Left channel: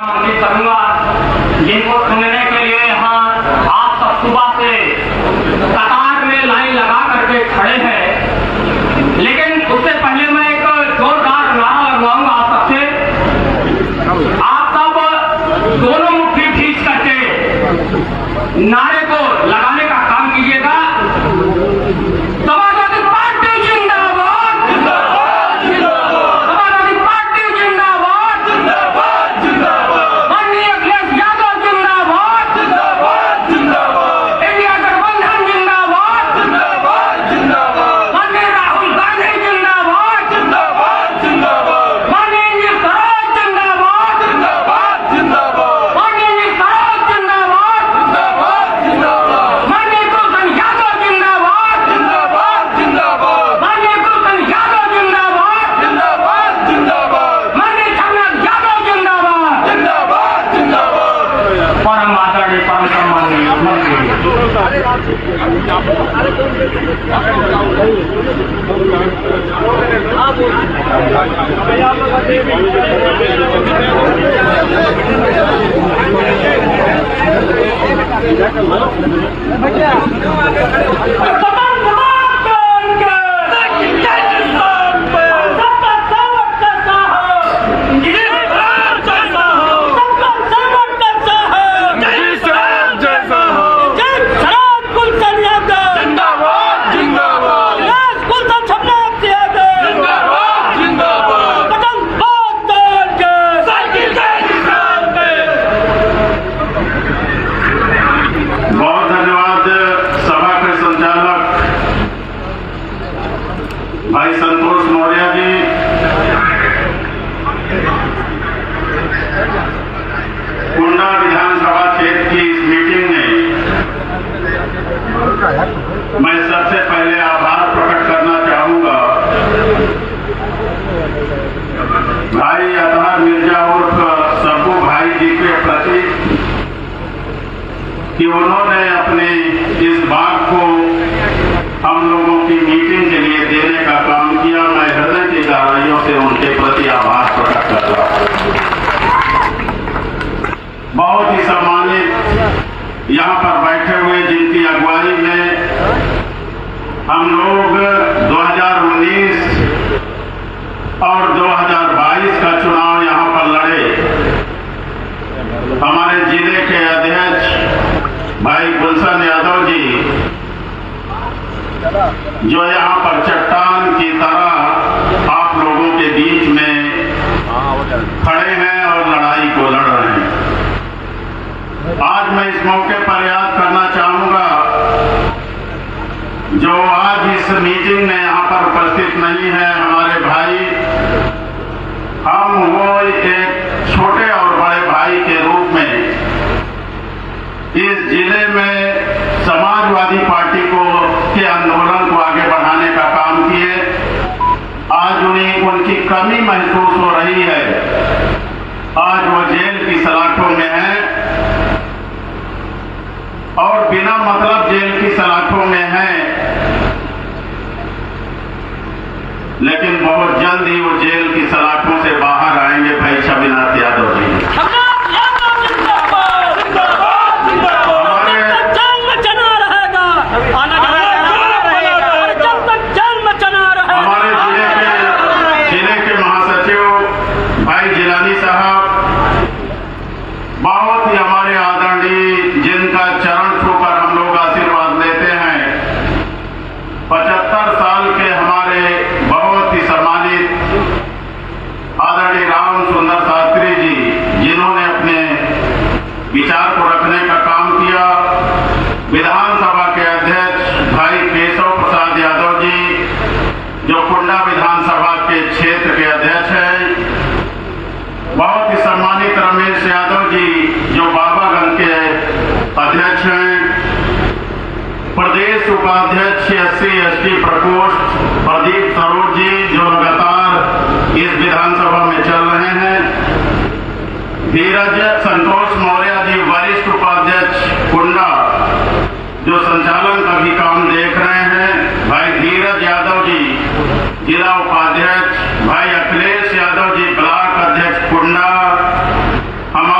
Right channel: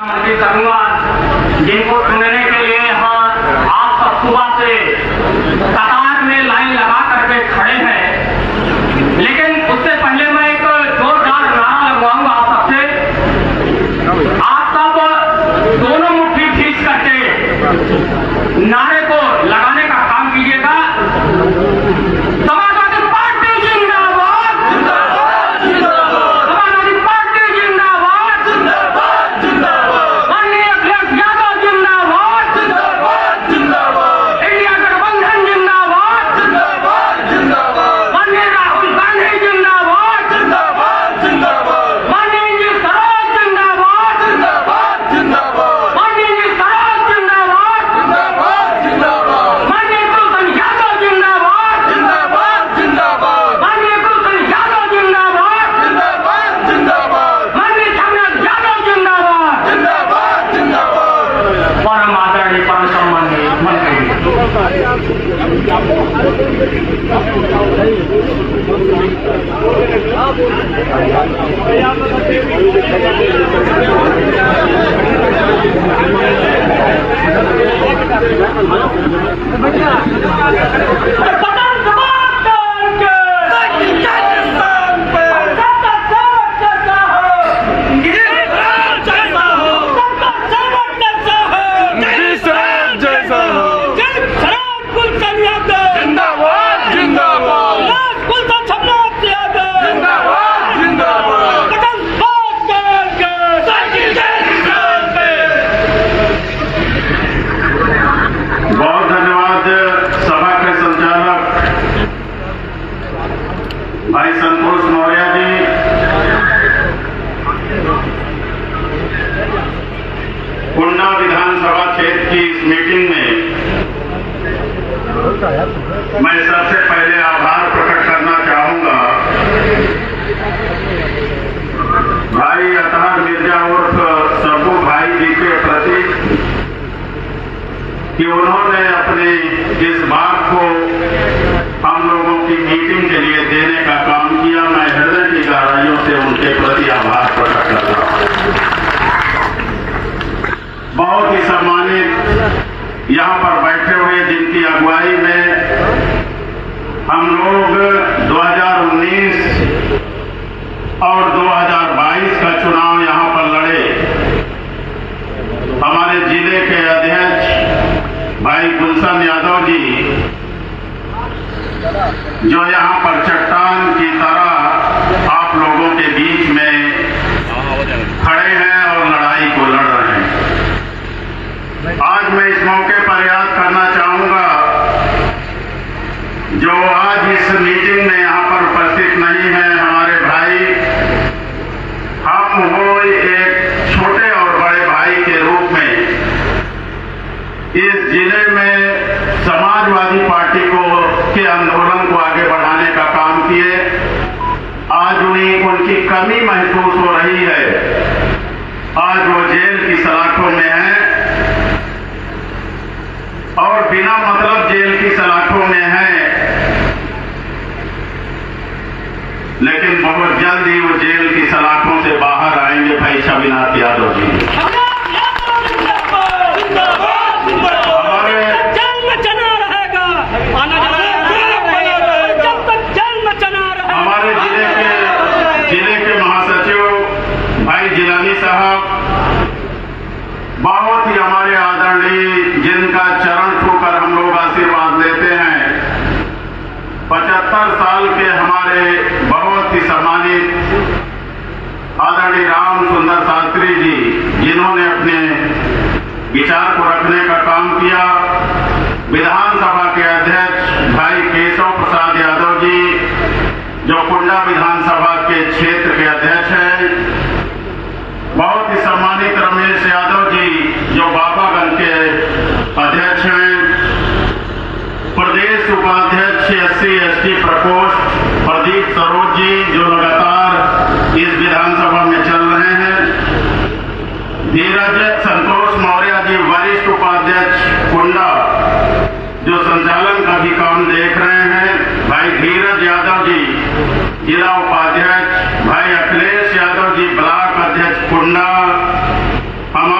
करूंगा जिनको सुनने के लिए यहाँ आप सब सुबह से कतार में लाइन लगा करके खड़े हैं, लेकिन उससे पहले मैं एक जोरदार नारा लगवाऊंगा आप सबसे। आप सब दोनों मुट्ठी खींच करके नारे को लगाने का काम कीजिएगा। समाजवादी पार्टी जिंदाबाद, जिंदाबाद, जिंदाबाद। समाजवादी पार्टी जिंदाबाद, जिंदाबाद, जिंदाबाद। माननीय अखिलेश यादव जिंदाबाद, जिंदाबाद, जिंदाबाद। इंडिया गठबंधन जिंदाबाद, जिंदाबाद, जिंदाबाद। माननीय राहुल गांधी जिंदाबाद, जिंदाबाद, जिंदाबाद। माननीय जी सरोज जिंदाबाद, जिंदाबाद, जिंदाबाद। माननीय जी सरोज जिंदाबाद, जिंदाबाद, जिंदाबाद। माननीय कुलसन यादव जिंदाबाद, जिंदाबाद, जिंदाबाद। माननीय कुलसन यादव जिंदाबाद, जिंदाबाद, जिंदाबाद। माननीय छामनाथ यादव जिंदाबाद, जिंदाबाद, जिंदाबाद। परम आदरणीय परम सम्मानित भाई संतोष मौर्य जी, कुंडा विधानसभा क्षेत्र की इस मीटिंग में मैं सबसे पहले आभार प्रकट करना चाहूंगा भाई अतहर मिर्जा उर्फ सब्बू भाई जी के प्रति कि उन्होंने अपने इस बात को हम लोगों की मीटिंग के लिए देने का काम किया। मैं हृदय की गहराइयों से उनके प्रति आभार प्रकट करता हूं। बहुत ही सम्मानित यहाँ पर बैठे हुए जिनकी अगुवाई में हम लोग 2019 और 2022 का चुनाव यहाँ पर लड़े। हमारे जिले के अध्यक्ष भाई गुलशन यादव जी जो यहाँ पर चट्टान की तरह आप लोगों के बीच में खड़े हैं और लड़ाई को लड़ रहे हैं। आज मैं इस मौके पर याद करना चाहूंगा जो आज इस मीटिंग में यहाँ पर उपस्थित नहीं है हमारे भाई। हम वो एक छोटे और बड़े भाई के रूप में इस जिले में समाजवादी पार्टी को के आंदोलन को आगे बढ़ाने का काम किए। आज उनकी कमी महसूस हो रही है। आज वो जेल की सलाखों में है और बिना मतलब जेल की सलाखों में है, लेकिन बहुत जल्द ही वो जेल की सलाखों से बाहर आएंगे भाई छविनाथ यादव जी। बहुत ही हमारे आदरणीय जिनका चरण छूकर हम लोग आशीर्वाद लेते हैं, 75 साल के हमारे बहुत ही सम्मानित आदरणीय राम सुंदर शास्त्री जी जिन्होंने अपने विचार को रखने का काम किया। विधानसभा के अध्यक्ष भाई केशव प्रसाद यादव जी जो कुंडा विधानसभा के क्षेत्र के अध्यक्ष हैं। बहुत ही सम्मानित रमेश यादव जी जो बाबागंज के अध्यक्ष हैं। प्रदेश उपाध्यक्ष SC/ST प्रकोष्ठ प्रदीप सरोज जी जो लगातार इस विधानसभा में चल रहे हैं। धीरज संतोष मौर्य जी वरिष्ठ उपाध्यक्ष कुंडा जो संचालन का भी काम देख रहे हैं। भाई धीरज यादव जी जिला उपाध्यक्ष, भाई अखिलेश यादव जी ब्लॉक अध्यक्ष कुंडा, हमारे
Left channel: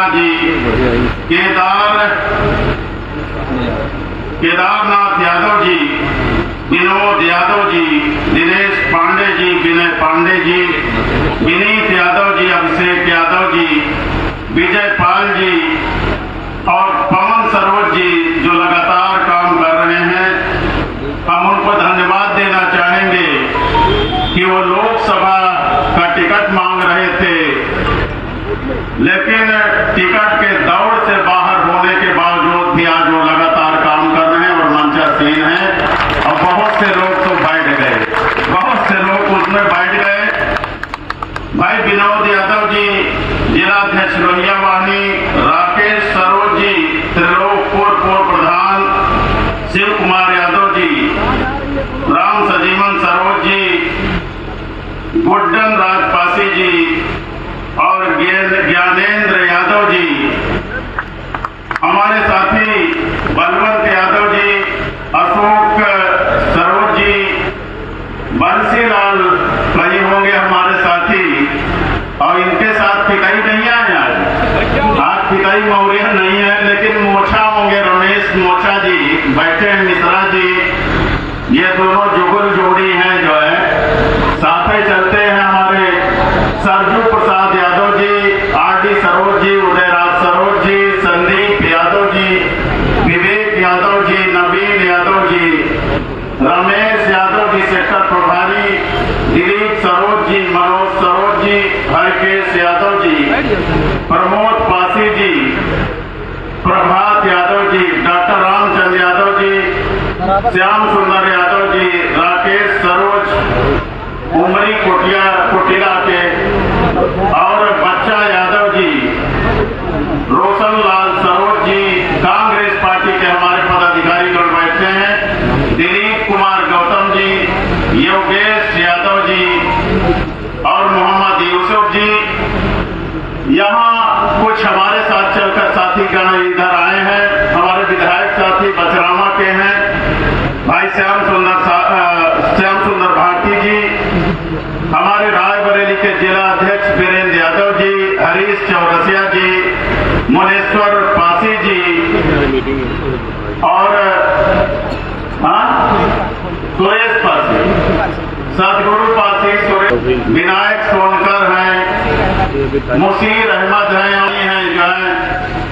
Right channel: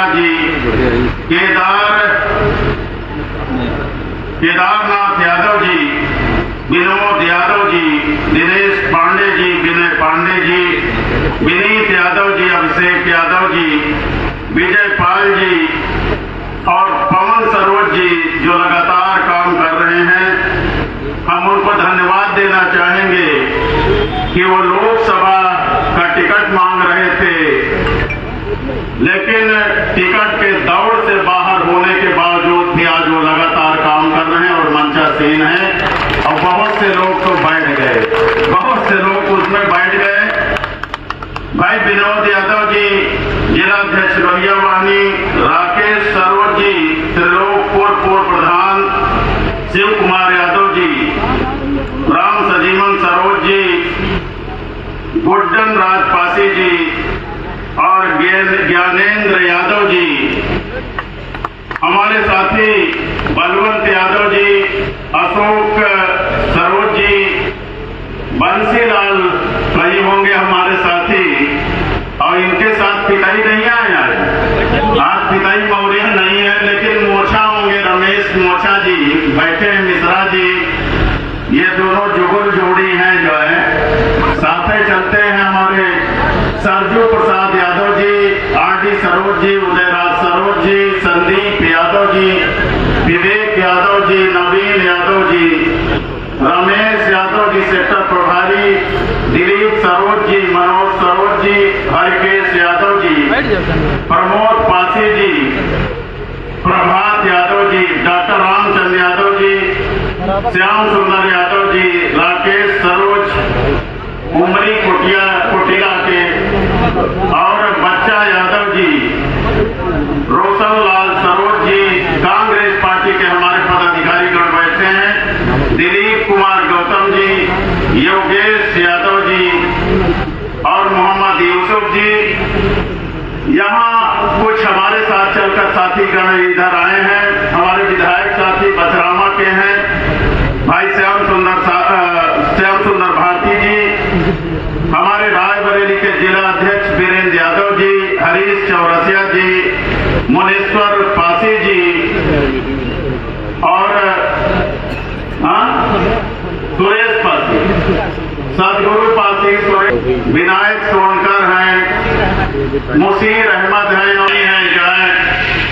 मिश्रा जी, केदारनाथ यादव जी, विनोद यादव जी, दिनेश पांडे जी, विनय पांडे जी, विनीत यादव जी, अभिषेक यादव जी, विजय पाल जी और पवन सरोज जी जो लगातार काम कर रहे हैं। हम उनको धन्यवाद देना चाहेंगे कि वो लोकसभा का टिकट मांग रहे थे, लेकिन टिकट के दौड़ से बाहर होने के बावजूद भी आज वो लगातार काम कर रहे हैं और मंचासीन हैं। और बहुत से लोग तो बैठ गए, बहुत से लोग उसमें बैठ गए। भाई विनोद यादव जी, जिलाध्यक्ष लोहिया वाहिनी, राकेश सरोज जी, त्रिलोकपुर पूर्व प्रधान, शिव कुमार यादव जी, राम सजीवन सरोज जी, गुड्डन राजपासी जी और ज्ञानेंद्र यादव जी, हमारे साथी बलवंत यादव जी, अशोक सरोज जी, बंसीलाल भाई होंगे हमारे साथी। और इनके साथ पिताई नहीं आए आज पिताई मौर्य नहीं है, लेकिन मोर्चा होंगे रमेश मोर्चा जी बैठे हैं, मिश्रा जी। ये दोनों जुगल जोड़ी हैं जो है साथ ही चलते हैं। हमारे सरजू प्रसाद यादव जी, आरडी सरोज जी, उदयराज सरोज जी, संदीप यादव जी, विवेक यादव जी, नवीन यादव जी, रमेश यादव जी सेक्टर प्रभारी, दिलीप सरोज जी, मनोज सरोज जी, हरकेश यादव जी, प्रमोद पासी जी, प्रभात यादव जी, डॉक्टर रामचंद्र यादव जी, श्याम सुंदर यादव जी, राकेश सरोज उमरी कुटिला के और बच्चा यादव जी, रोशन लाल सरोज जी, कांग्रेस पार्टी के हमारे पदाधिकारी गण बैठे हैं, दिलीप कुमार गौतम जी, योगेश यादव जी और मोहम्मद यूसुफ जी। यहाँ कुछ हमारे साथ चलकर साथी गण इधर आए हैं। हमारे विधायक साथी बचरामा के हैं भाई श्याम सुंदर भारती जी, हमारे रायबरेली के जिला अध्यक्ष वीरेंद्र यादव जी, हरीश चौरसिया जी, मुनेश्वर पासी जी और सुरेश पासी, सदगुरु पासी, विनायक सोनकर हैं, मुसीर अहमद हैं जो है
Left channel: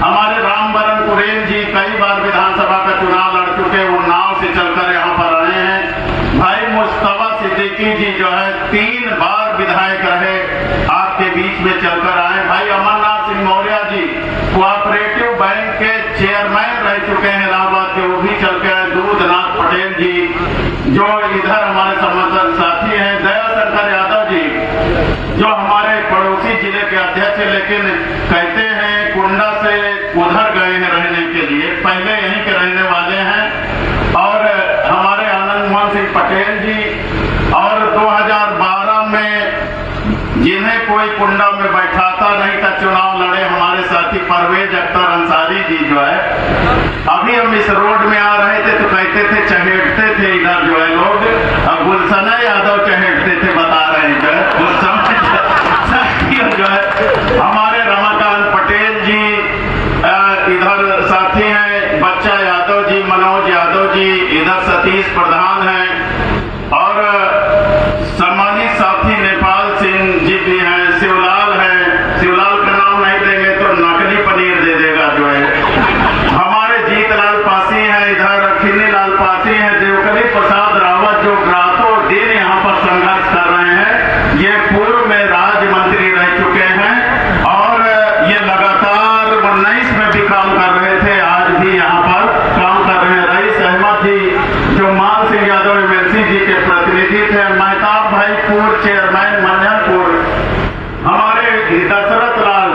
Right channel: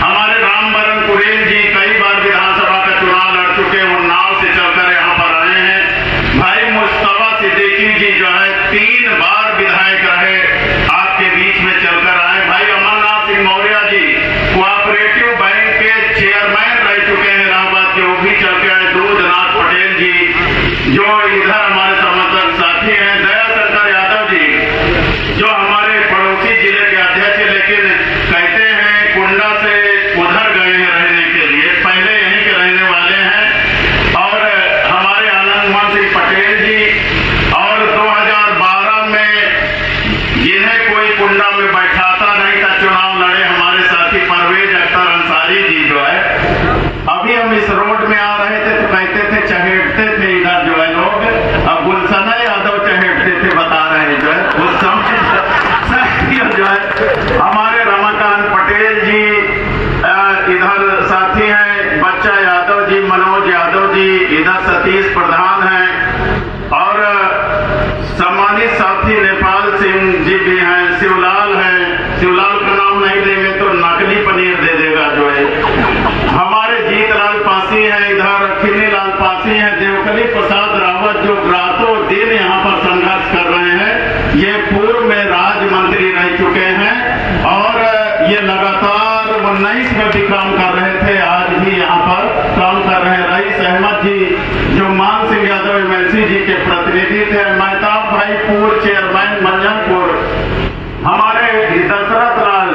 हमारे रामबरन कुरेन जी कई बार विधानसभा का चुनाव लड़ चुके, वो नाव से चलकर यहाँ पर आए हैं। भाई मुस्तफा सिद्दीकी जी जो है 3 बार विधायक रहे, आपके बीच में चलकर आए। भाई अमरनाथ सिंह मौर्य जी कोऑपरेटिव बैंक के चेयरमैन रह चुके हैं इलाहाबाद के, वो भी चल के आए। दूधनाथ पटेल जी जो इधर हमारे समर्थक साथी हैं, दयाशंकर यादव जी जो हमारे पड़ोसी जिले के अध्यक्ष, लेकिन कहते हैं कुंडा से उधर गए हैं रहने के लिए, पहले यहीं के रहने वाले हैं। और हमारे आनंद मोहन सिंह पटेल जी और 2012 में जिन्हें कोई कुंडा में बैठाता नहीं था, चुनाव लड़े हमारे साथी परवेज अख्तर अंसारी जी जो है। अभी हम इस रोड में आ रहे थे तो कहते थे चहेटते थे इधर जो है लोग, अब गुलशना यादव चहेटते थे बता रहे हैं जो है उस समय जो है। हमारे रमाकांत पटेल जी इधर साथी हैं, बच्चा यादव जी, मनोज यादव जी, इधर सतीश प्रधान हैं और सम्मानित साथी नेपाल सिंह जी भी हैं, शिवलाल हैं। शिवलाल का नाम नहीं देंगे तो नकली पनीर दे देगा जो है। हमारे जीतलाल पासी हैं, इधर खिन्नी लाल पासी हैं, देवकली प्रसाद रावत जो रातों दिन यहाँ पर संघर्ष कर रहे हैं, ये पूर्व में राज्य मंत्री रह चुके हैं और ये लगातार 19 में भी काम कर रहे थे, आज भी यहाँ पर काम कर रहे हैं। रईस अहमद जी जो मान सिंह यादव एमएलसी जी के प्रतिनिधि थे, महताब भाई पूर्व चेयरमैन मंझनपुर, हमारे दशरथ लाल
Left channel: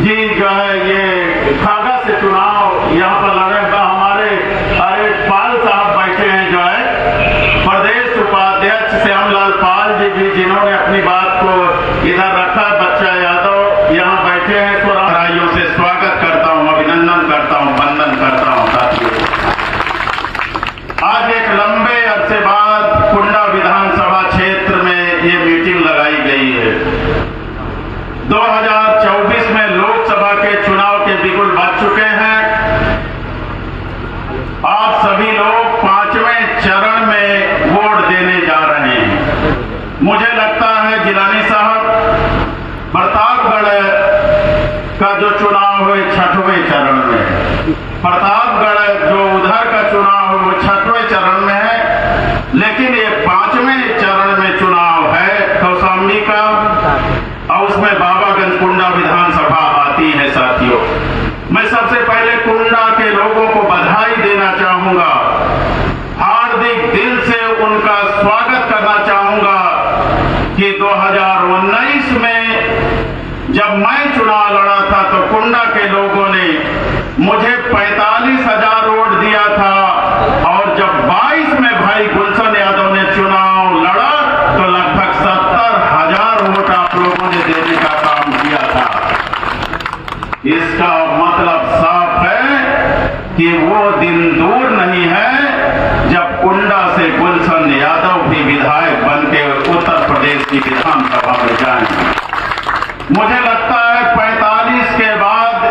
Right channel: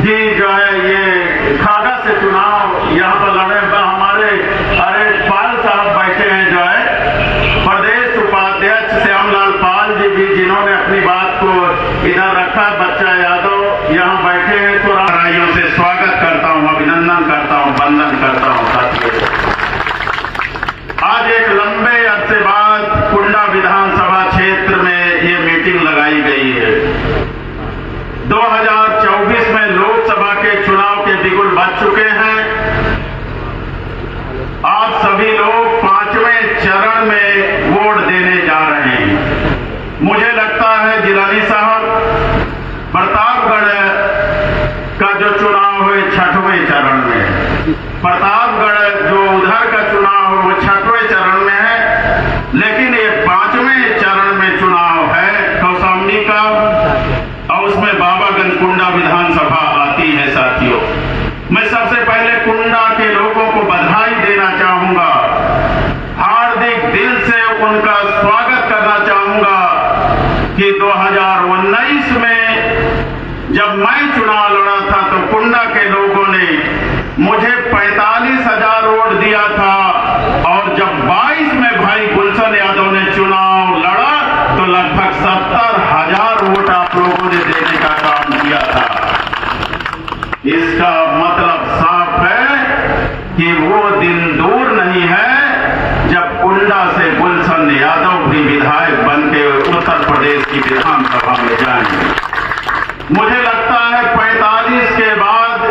जी जो है ये खागा से चुनाव यहाँ पर लड़े। हमारे अरे पाल साहब बैठे हैं जो है, प्रदेश उपाध्यक्ष श्यामलाल पाल जी भी जिन्होंने अपनी बात को इधर रखा। बच्चा यादव यहाँ बैठे हैं। सुराइयों से स्वागत करता हूँ, अभिनंदन करता हूँ, वंदन करता हूँ साथियों। आज एक लंबे अरसे बाद कुंडा विधानसभा क्षेत्र में ये मीटिंग लगाई गई है। 2024 में लोकसभा के चुनाव 5वें चरण में है। प्रतापगढ़ जो उधर का चुनाव वो 6वें चरण में है, लेकिन ये 5वें चरण में चुनाव है कौशाम्बी का, और उसमें बाबागंज कुंडा विधानसभा आती है। साथियों, मैं सबसे पहले कुंडा के लोगों को बधाई देना चाहूंगा, हार्दिक दिल से उनका स्वागत करना चाहूंगा कि 2019 में जब मैं चुनाव लड़ा था तो कुंडा के लोगों ने मुझे 45,000 वोट दिया था, और जब 22 में भाई गुलशन यादव ने चुनाव लड़ा तो लगभग 70,000 वोट आप लोगों ने देने का काम किया था। इसका मतलब साफ है कि वो दिन दूर नहीं है जब कुंडा से गुलशन यादव भी विधायक बनके उत्तर प्रदेश की विधानसभा में जाएंगे। मुझे लगता है 45 के बाद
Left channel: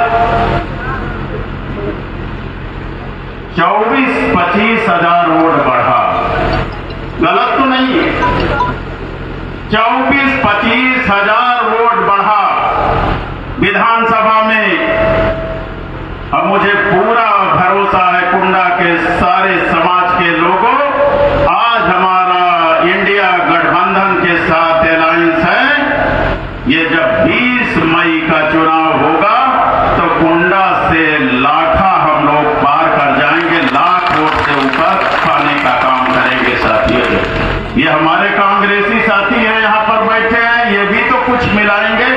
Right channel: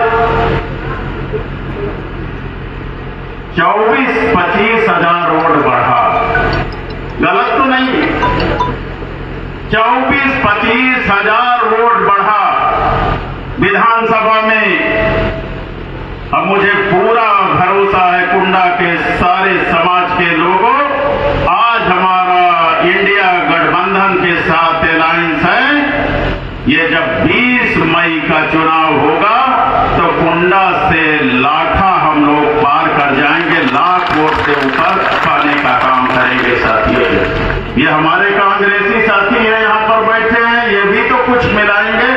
24-25 हजार वोट बढ़ा, गलत तो नहीं, 24-25 हजार वोट बढ़ा विधानसभा में। अब मुझे पूरा भरोसा है कुंडा के सारे समाज के लोगों, आज हमारा इंडिया गठबंधन के साथ अलायंस है। ये जब 20 मई का चुनाव होगा तो कुंडा से लाठा हम लोग पार कर जाएंगे, लाख वोट से ऊपर पाने का काम करेंगे। साथियों, ये हमारे कांग्रेसी साथी है यहाँ पर बैठे हैं, ये भी तो कुछ मिलाएंगे।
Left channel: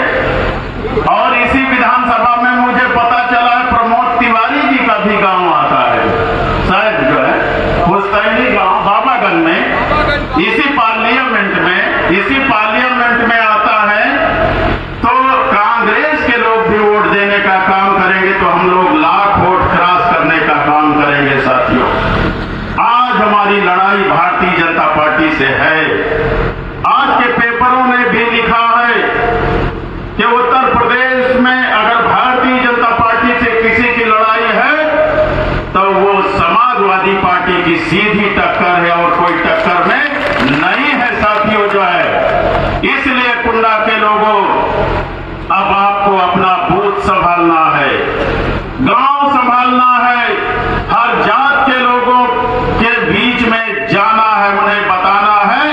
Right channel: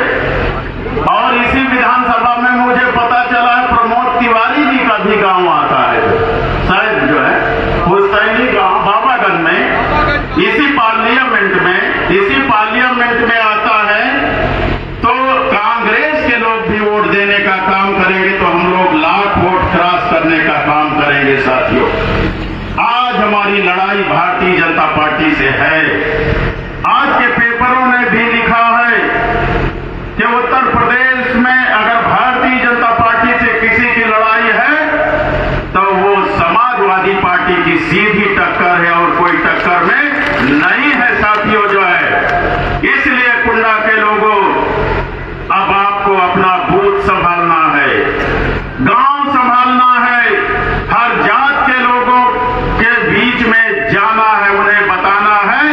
और इसी विधानसभा में मुझे पता चला है प्रमोद तिवारी जी का भी गांव आता है, शायद जो है हुसैनी गांव बाबागंज में, इसी पार्लियामेंट में आता है। तो कांग्रेस के लोग भी वोट देने का काम करेंगे तो हम लोग लाख वोट क्रॉस करने का काम करेंगे। साथियों, आज हमारी लड़ाई भारतीय जनता पार्टी से है। आज के पेपरों ने भी लिखा है कि उत्तर प्रदेश में अगर भारतीय जनता पार्टी से किसी की लड़ाई है तो वो समाजवादी पार्टी की सीधी टक्कर है और कोई टक्कर में नहीं है। साथियों, जो है इसलिए कुंडा के लोगों, अब आपको अपना बूथ संभालना है, गांव संभालना है, हर जात के लोगों के बीच में जाना है, उन्हें बताना है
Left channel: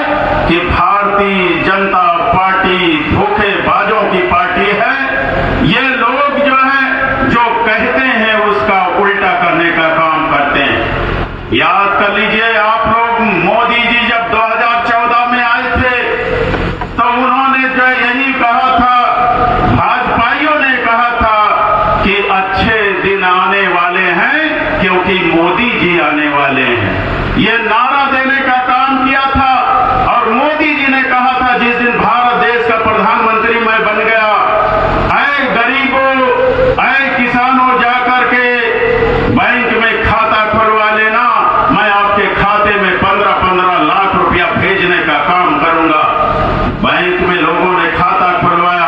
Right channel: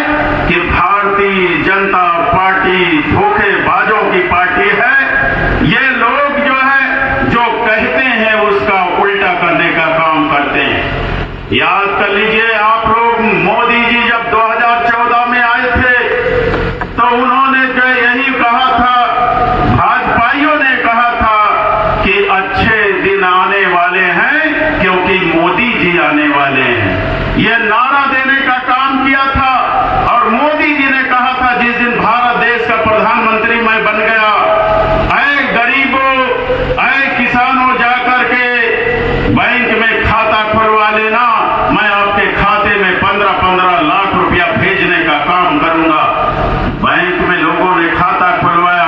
कि भारतीय जनता पार्टी धोखेबाजों की पार्टी है। ये लोग जो है जो कहते हैं उसका उल्टा करने का काम करते हैं। याद कर लीजिए आप लोग, मोदी जी जब 2014 में आए थे तो उन्होंने जो यही कहा था, भाजपाइयों ने कहा था कि अच्छे दिन आने वाले हैं क्योंकि मोदी जी आने वाले हैं। ये नारा देने का काम किया था और मोदी जी ने कहा था जिस दिन भारत देश का प्रधानमंत्री मैं बन गया, ऐ गरीबों, ऐ किसानों, जाकर के बैंक में खाता खुलवा लेना, मैं आपके खाते में 15-15 लाख रुपया भेजने का काम करूंगा। बैंक में लोगों ने खाता खुलवाया,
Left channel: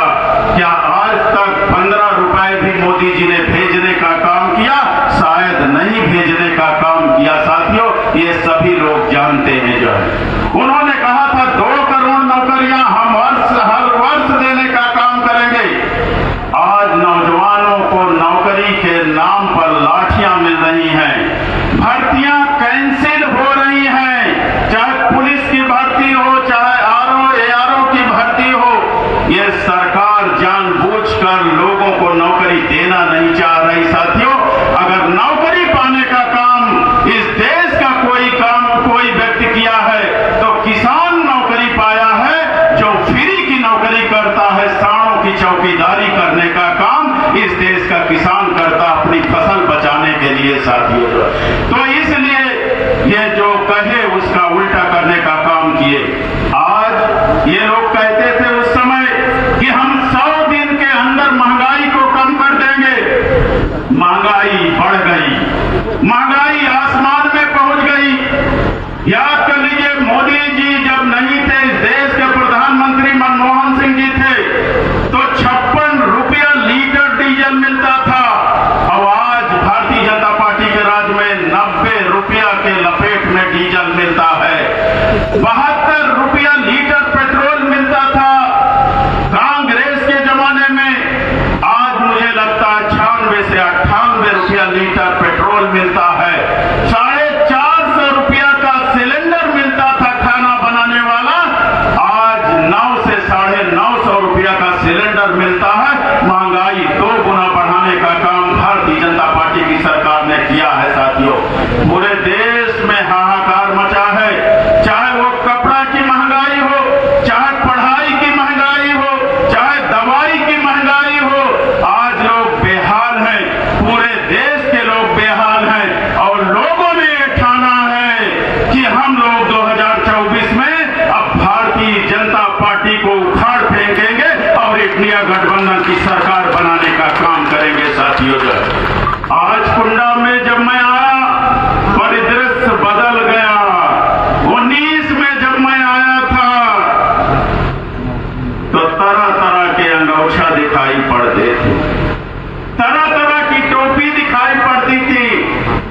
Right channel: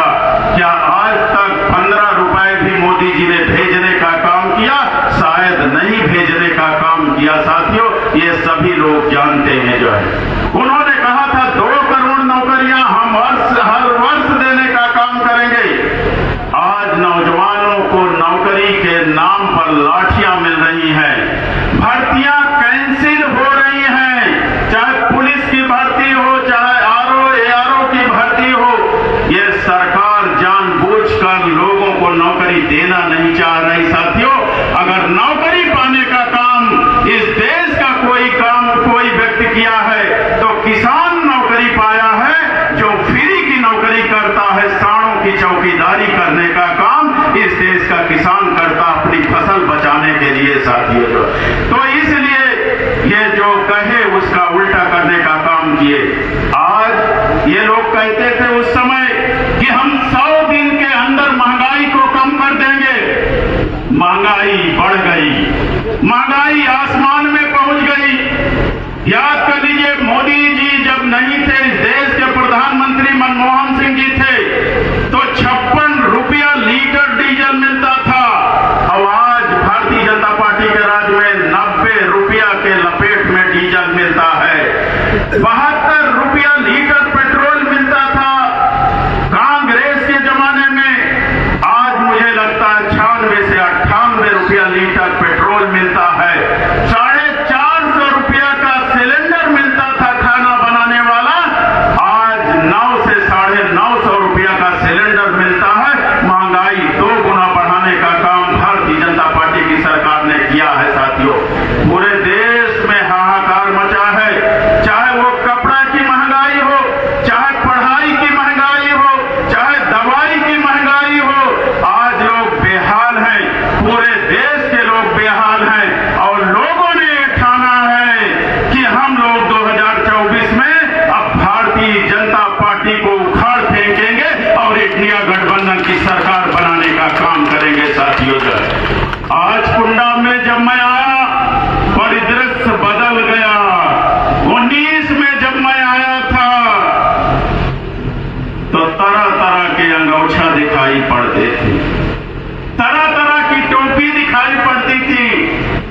क्या आज तक 15 रुपए भी मोदी जी ने भेजने का काम किया? शायद नहीं भेजने का काम किया। साथियों, ये सभी लोग जानते हैं। जो है उन्होंने कहा था 2 करोड़ नौकरियां हम हर वर्ष देने का काम करेंगे। आज नौजवानों को नौकरी के नाम पर लाठियां मिल रही हैं, भर्तियां कैंसिल हो रही हैं, चाहे पुलिस की भर्ती हो, चाहे ARO की भर्ती हो। ये सरकार जानबूझकर लोगों को नौकरी देना नहीं चाह रही। साथियों, अगर नौकरी पाने का काम इस देश का कोई व्यक्ति किया है तो किसान नौकरी पाया है, जो फ्री की नौकरी करता है, सांडों की चौकीदारी करने का काम इस देश का किसान करता अपनी फसल बचाने के लिए। साथियों, तो इसलिए ये जो कहे उसका उल्टा करने का काम किए। आज ये लोग कहते थे उस समय कि हम 100 दिन के अंदर महंगाई को कम कर देंगे। महंगाई बढ़ गई, महंगाई आसमान में पहुंच गई। याद कर लीजिए, मोदी जी जब नहीं थे, इस देश के प्रधानमंत्री मनमोहन सिंह जी थे तो 56 रुपया लीटर डीजल मिलता था, और आज भारतीय जनता पार्टी के राज में 90 रुपया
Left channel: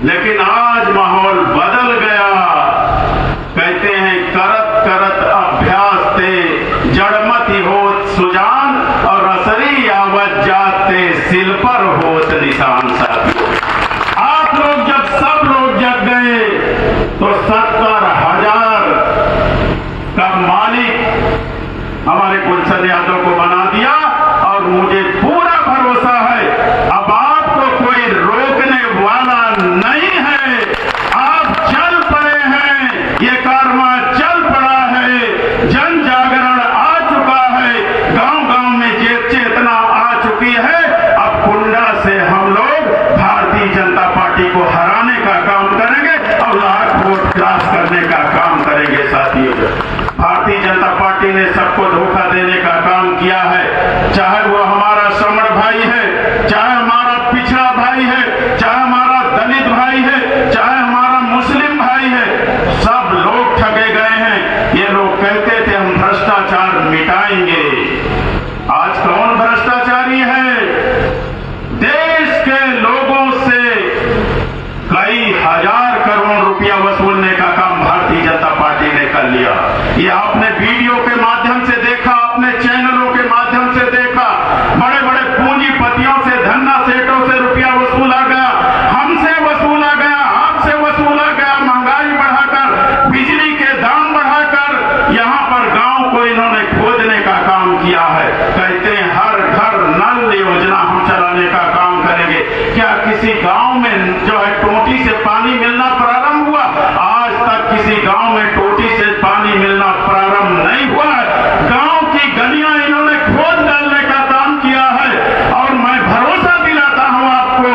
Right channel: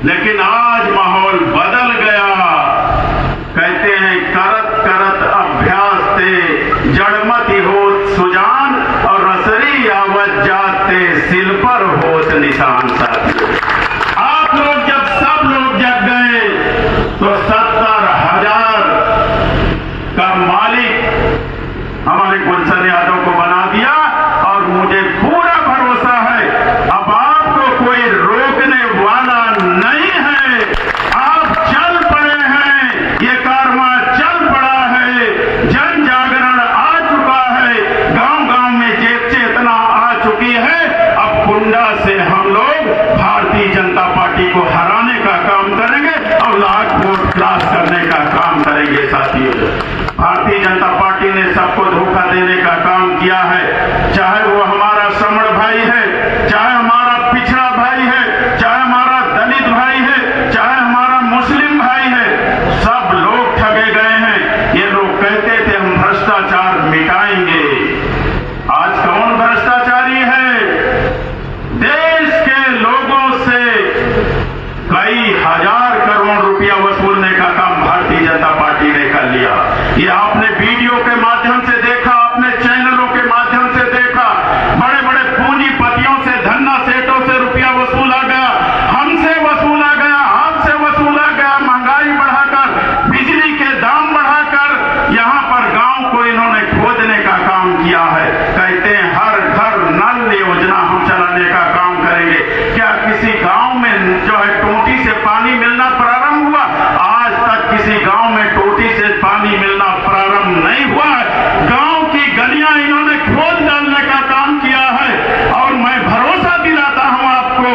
लेकिन आज माहौल बदल गया। कहते हैं करत करत अभ्यास ते जड़मति होत सुजान और रसरी आवत जाते सिल पर होत निशान। साथियों, आप लोग जब सब लोग जग गए तो 70,000 का मालिक हमारे गुलशन यादव को बना दिया और मुझे पूरा भरोसा है अब आपको कोई रोकने वाला नहीं है। आप चल पड़े हैं, ये कारवां चल पड़ा है, जन जागरण आ चुका है, गांव गांव में चेतना आ चुकी है। अब कुंडा से हम लोग भारतीय जनता पार्टी को हराने का काम करेंगे और लाख वोट क्लास करने का काम करेंगे। साथियों, भारतीय जनता पार्टी ने सबको धोखा देने का काम किया है, चाहे वो हमारा श्रमण भाई है, चाहे हमारा पिछड़ा भाई है, चाहे हमारा दलित भाई है, चाहे हमारा मुस्लिम भाई है, सब लोग ठगे गए हैं। ये लोग कहते थे हम भ्रष्टाचार मिटाएंगे। आज कौन भ्रष्टाचारी है? देश के लोगों से कई हजार करोड़ रुपया वसूलने का काम भारतीय जनता पार्टी ने कर लिया। ये आपने वीडियो के माध्यम से देखा, आपने चैनलों के माध्यम से देखा। बड़े बड़े पूंजीपतियों से, धन्ना सेठों से रुपया वसूला गया, हमसे वसूला गया, आपसे वसूला गया। महंगाई बढ़ाकर, बिजली के दाम बढ़ाकर यहाँ पर गांव को इन्होंने खोदने का काम किया है। कहते हैं हर घर नल योजना हम चलाने का काम करेंगे। क्या किसी गांव में जो है टोटी से पानी मिलना प्रारंभ हुआ? आज तक किसी गांव में टोटी से पानी मिलना प्रारंभ नहीं हुआ। गांव की गलियां इन्होंने खोद डालने का काम किया है। और मैं भरोसा दिलाता हूं आपको,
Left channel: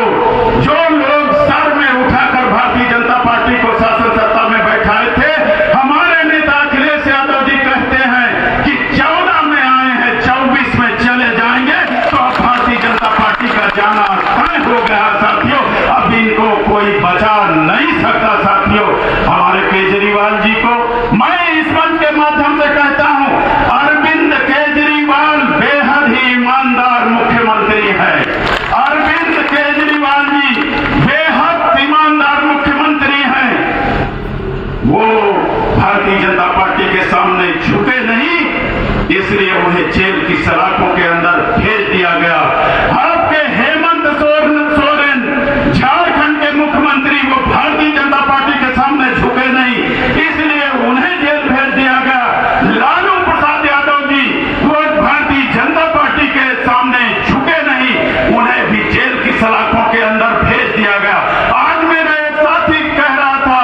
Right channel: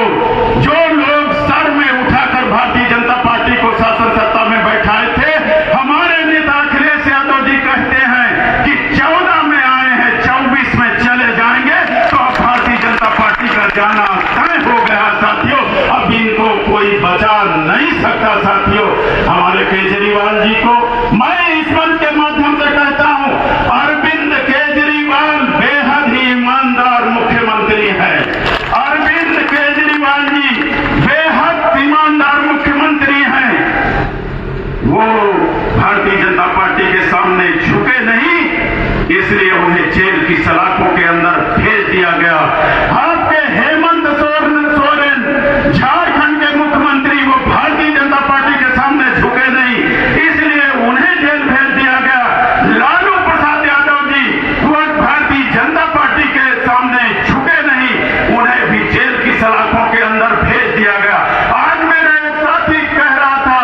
जो लोग सर में उठाकर भारतीय जनता पार्टी को शासन सत्ता में बैठाए थे, हमारे नेता अखिलेश यादव जी कहते हैं कि 14 में आए हैं, 24 में चले जाएंगे। तो अब भारतीय जनता पार्टी का जाना तय हो गया। साथियों, अब इनको कोई बचा नहीं सकता। साथियों, हमारे केजरीवाल जी को मैं इस मंच के माध्यम से कहता हूं, अरविंद केजरीवाल बेहद ही ईमानदार मुख्यमंत्री है। अरविंद केजरीवाल जी बेहद ईमानदार मुख्यमंत्री हैं। वो भारतीय जनता पार्टी के सामने झुके नहीं, इसलिए उन्हें जेल की सलाखों के अंदर भेज दिया गया। आपके हेमंत सोरेन झारखंड के मुख्यमंत्री, वो भारतीय जनता पार्टी के सामने झुके नहीं, इसलिए उन्हें जेल भेज दिया गया। लालू प्रसाद यादव जी, वो भारतीय जनता पार्टी के सामने झुके नहीं, उन्हें भी जेल की सलाखों के अंदर भेज दिया गया। आज मेरे एक साथी कह रहा था,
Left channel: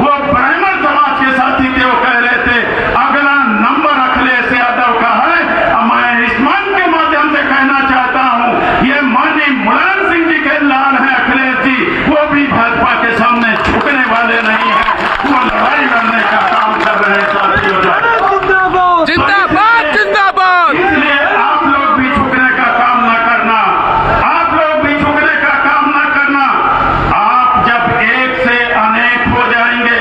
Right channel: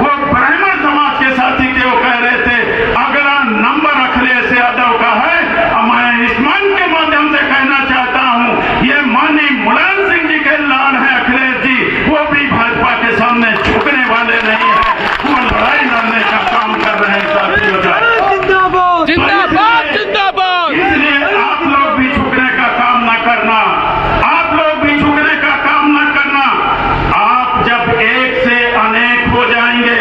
वो ब्राह्मण समाज के साथी थे, वो कह रहे थे अगला नंबर अखिलेश यादव का है। मैं इस मन के माध्यम से कहना चाहता हूं, ये माननीय मुलायम सिंह जी के लाल हैं अखिलेश जी, वो भी भाजपा के सामने झुकने वाले नहीं है, वो लड़ाई लड़ने का काम कर रहे हैं। साथियों, जिंदाबाद जिंदाबाद। इसलिए आप लोग भी झुकने का काम ना करना, आप लोग भी झुकने का काम ना करना। आप जब एक से अनेक हो जाएंगे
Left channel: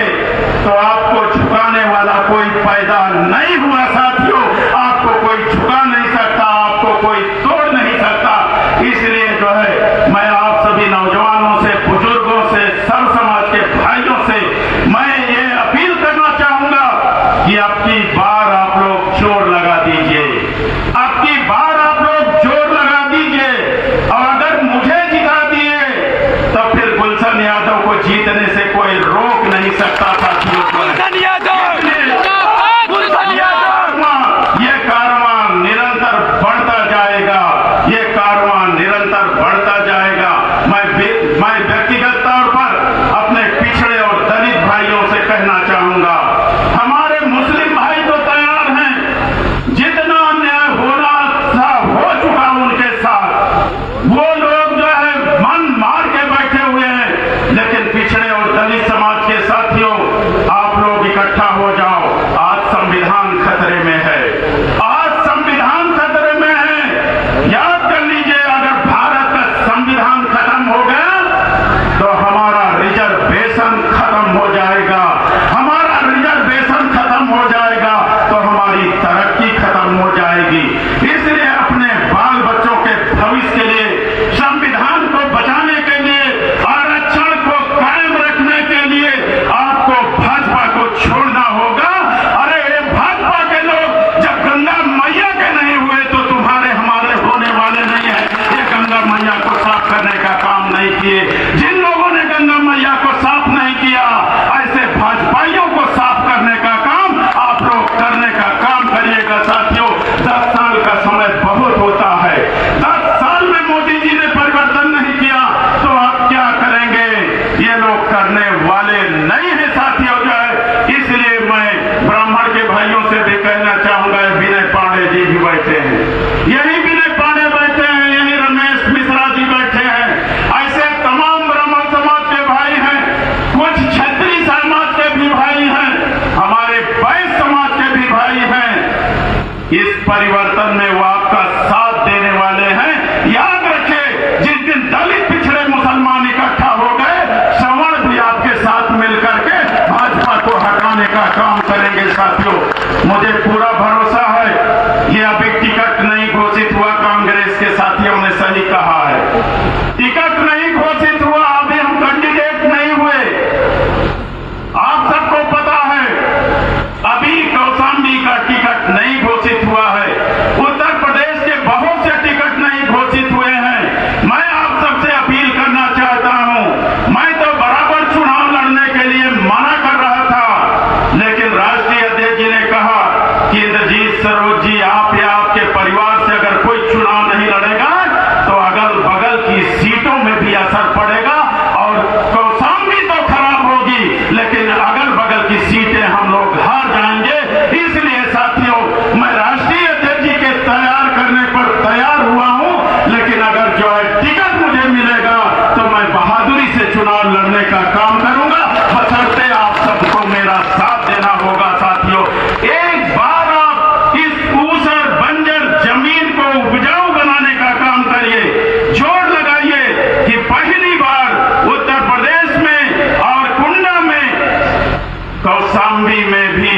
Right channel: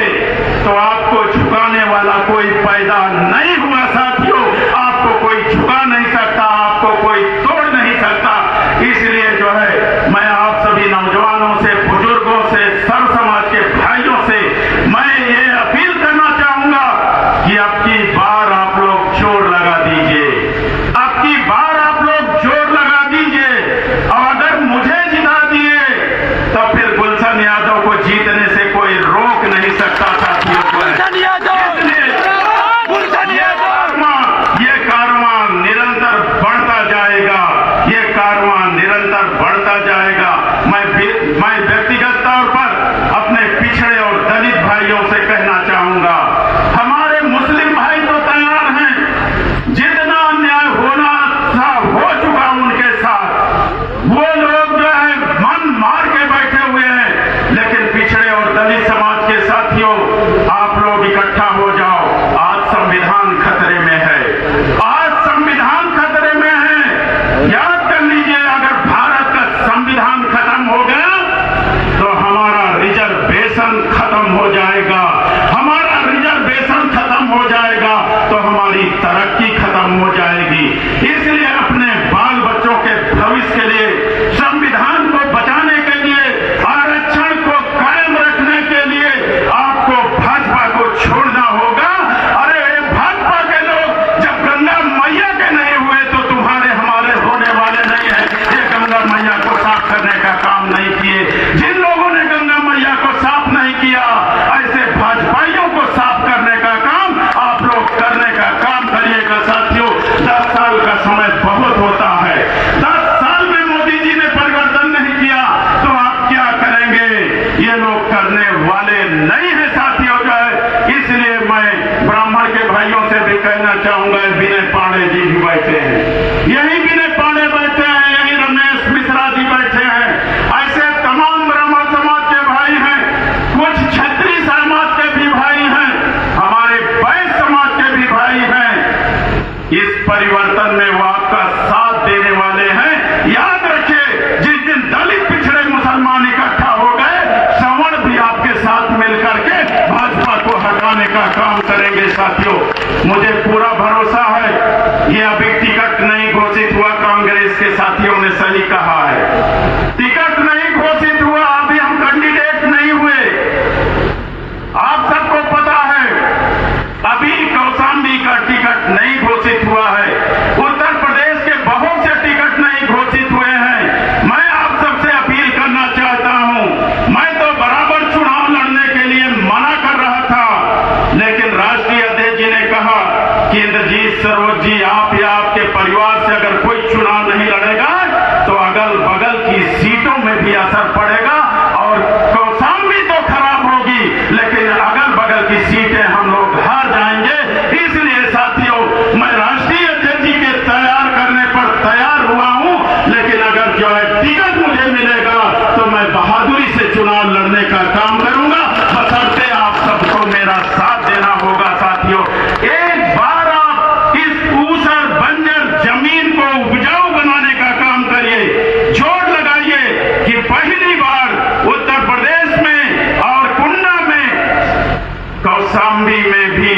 तो आपको झुकाने वाला कोई पैदा नहीं हुआ। साथियों, आपको कोई झुका नहीं सकता, आपको कोई तोड़ नहीं सकता। इसलिए जो है मैं आप सभी नौजवानों से, बुजुर्गों से, सर्व समाज के भाइयों से मैं ये अपील करना चाहूंगा कि अब की बार आप लोग जोर लगा दीजिए, अब की बार आप लोग जोर लगा दीजिए। और अगर मुझे जिता दिए तो फिर गुलशन यादव को जीतने से कोई रोक नहीं सकता। साथियों, गुलशन यादव, गुलशन यादव। ये कारवां निरंतर बढ़ता जाएगा, ये कारवां निरंतर बढ़ता जाएगा। मैं व्यक्तिगत तौर पर अपने पिछड़े और दलित भाइयों से कहना चाहूंगा, हमारे मुस्लिम भाई तो तैयार हैं, जितना अन्याय होना था हो चुका उनके साथ। वो लोग जो है मन मार के बैठे हुए हैं, लेकिन पिछड़े और दलित समाज के साथियों, आप लोग इकट्ठा हो जाओ। आज संविधान खतरे में है, आज संविधान खतरे में है। याद कर लीजिए, अगर भारत का संविधान खत्म हो गया तो साफ करने का काम नहीं किए। जिन लोगों ने गंगा मैया को साफ नहीं किया, ऐसे भाजपाइयों को साफ करने का काम आप लोग करने का काम करिएगा। साथियों, 10 साल का समय बहुत होता है। 10 साल में मोदी जी ने परिवर्तन नहीं किया तो आप क्या करेंगे? ये लोग करने वाले नहीं है साथियों। जो है, इसलिए मैं ब्राह्मण के भाइयों से भी कहना चाहूंगा, विनय पांडे जी भी बैठे हैं, यही विनय पांडे बैठे हैं, यही रमेश मिश्रा जी बैठे हैं, ऐसे तमाम ब्राह्मण समाज के भाई हैं, कुछ क्षत्रिय समाज के भी भाई हैं, हमारे वैश्य समाज के भी भाई हैं। इस परिवर्तन में वो आपका साथ देने वाले हैं। याद रखिए, जिस दिन दलित पिछड़े मुसलमान इकट्ठा हो गए, सवर्ण भी आपके साथ मिलकर के भाजपा को हटाने का काम करेंगे। साथियों, मुझे पूरा भरोसा है, ये अभी टिकट नहीं घोषित हुआ, कांग्रेस के साथियों ने सही कहा है, टिकट नहीं घोषित हुआ, अभी हम कैंडिडेट नहीं हुए। आप सबको पता है, अभी कौशाम्बी का टिकट नहीं घोषित हुआ है, उत्तर प्रदेश के बहुत से टिकट नहीं घोषित हुए हैं। मैं आप सबसे अपील करना चाहता हूं, मैं तो बराबर चुनाव लड़ने के लिए मना कर रहा था, लेकिन राष्ट्रीय अध्यक्ष जी ने कहा कि इंद्रजीत सरोज जी, आप या आपके परिवार से अगर कोई चुनाव नहीं लड़ेगा तो अगल बगल की सीटों में भी असर पड़ेगा और कौशाम्बी तो खराब होगी, लेकिन अगल बगल की सीटें हम लोग हार जाएंगे। इसलिए साथियों, मैं राष्ट्रीय अध्यक्ष जी के तैयार करने पर तैयार हुआ हूं, लेकिन अगर जो है टिकट मुझे मिलेगा तो मैं बहादुरी से चुनाव लड़ने का काम करूंगा, बशर्ते आप सबको मेरा साथ देना होगा। साथियों, एक बार आप इस ऊसर बंजर जमीन को उपजाऊ बनाने का काम करिए, जोर लगाइए कि पहली बार उत्तर प्रदेश में और कुंडा में, कौशाम्बी में भी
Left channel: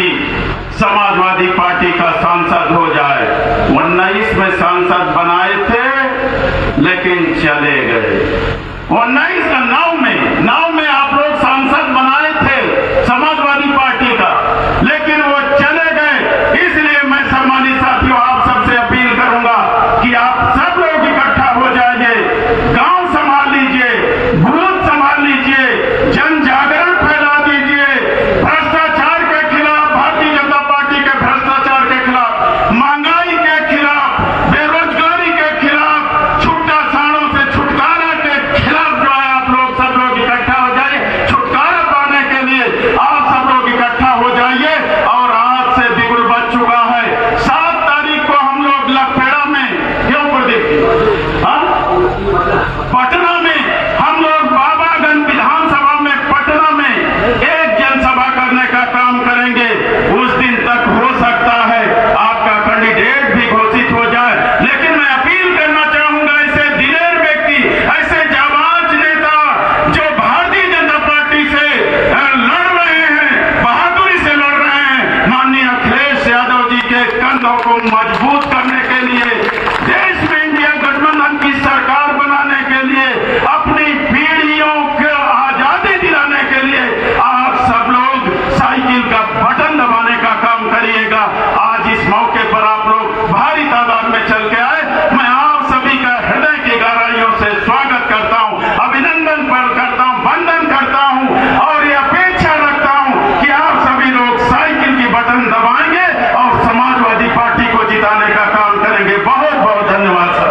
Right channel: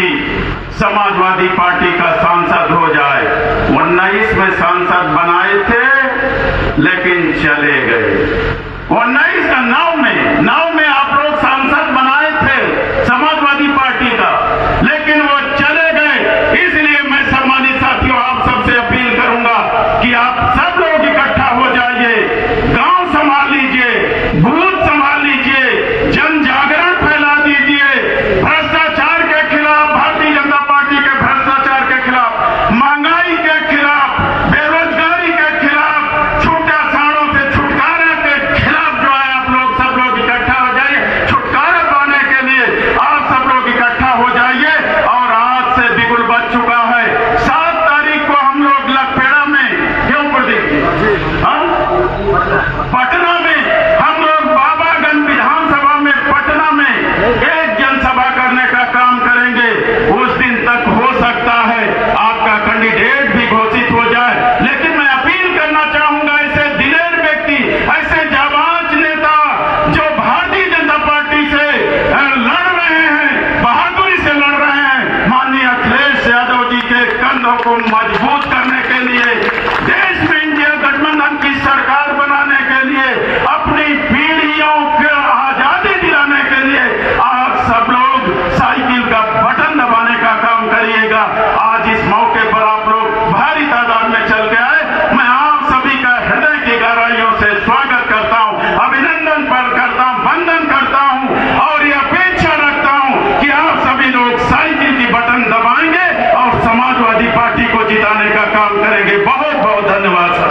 समाजवादी पार्टी का सांसद हो जाए। 19 में सांसद बनाए थे लेकिन चले गए। 19 का 9 में आप लोग सांसद बनाए थे समाजवादी पार्टी का, लेकिन वो चले गए। इसलिए मैं सम्मानित साथियों आप सबसे अपील करूंगा कि आप सब लोग इकट्ठा हो जाइए, गांव संभाल लीजिए, बूथ संभाल लीजिए, जन जागरण फैला दीजिए, भ्रष्टाचार के खिलाफ, भारतीय जनता पार्टी के भ्रष्टाचार के खिलाफ, महंगाई के खिलाफ, बेरोजगारी के खिलाफ, छूटा साड़ों से छुटकारा के खिलाफ जो है आप लोग सब लोग इकट्ठा हो जाइए। छुटकारा पाने के लिए आप सब लोग इकट्ठा हो जाइए। और आज से बिगुल बच चुका है। 7 तारीख को हम लोग लखपेड़ा में, क्यों प्रदीप, पटना में हम लोग बाबागंज विधानसभा में, पटना में एक जनसभा करने का काम करेंगे। उस दिन तक हो सकता है आपका कैंडिडेट भी घोषित हो जाए, लेकिन मैं अपील करना चाहूंगा, ऐसे दिलेर व्यक्ति, ऐसे जाबाज नेता जो भारतीय जनता पार्टी से लड़ रहे हैं, बहादुरी से लड़ रहे हैं, माननीय अखिलेश यादव जी के कंधों को मजबूत करने के लिए, देश में इंडिया गठबंधन की सरकार बनाने के लिए, अपनी पीढ़ियों को आजादी दिलाने के लिए आप सब लोग साइकिल का बटन दबाने का काम करिएगा। आज इस मौके पर आप लोग भारी तादाद में चल के आए, मैं आप सभी का हृदय की गहराइयों से स्वागत करता हूं, अभिनंदन करता हूं, वंदन करता हूं और ये अपेक्षा रखता हूं कि आप सभी लोग साइकिल की बटन दबाएंगे और समाजवादी पार्टी को जिताने का काम करेंगे। बहुत बहुत धन्यवाद सर।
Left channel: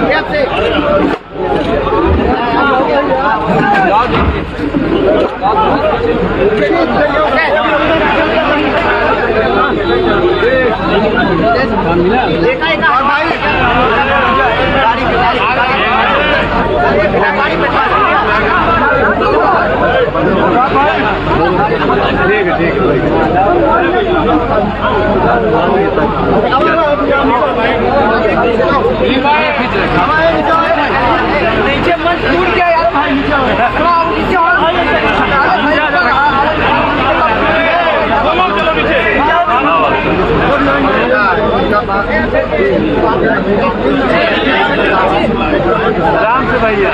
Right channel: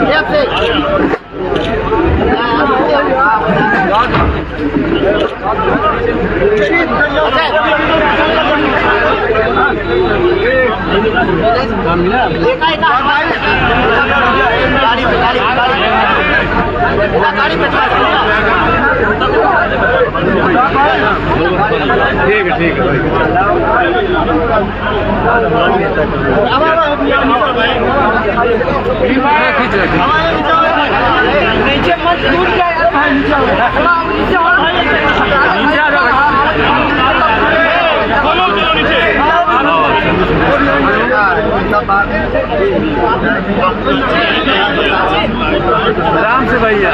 Yeah. नीचे मत टूट गया यार भाई आराम से भैया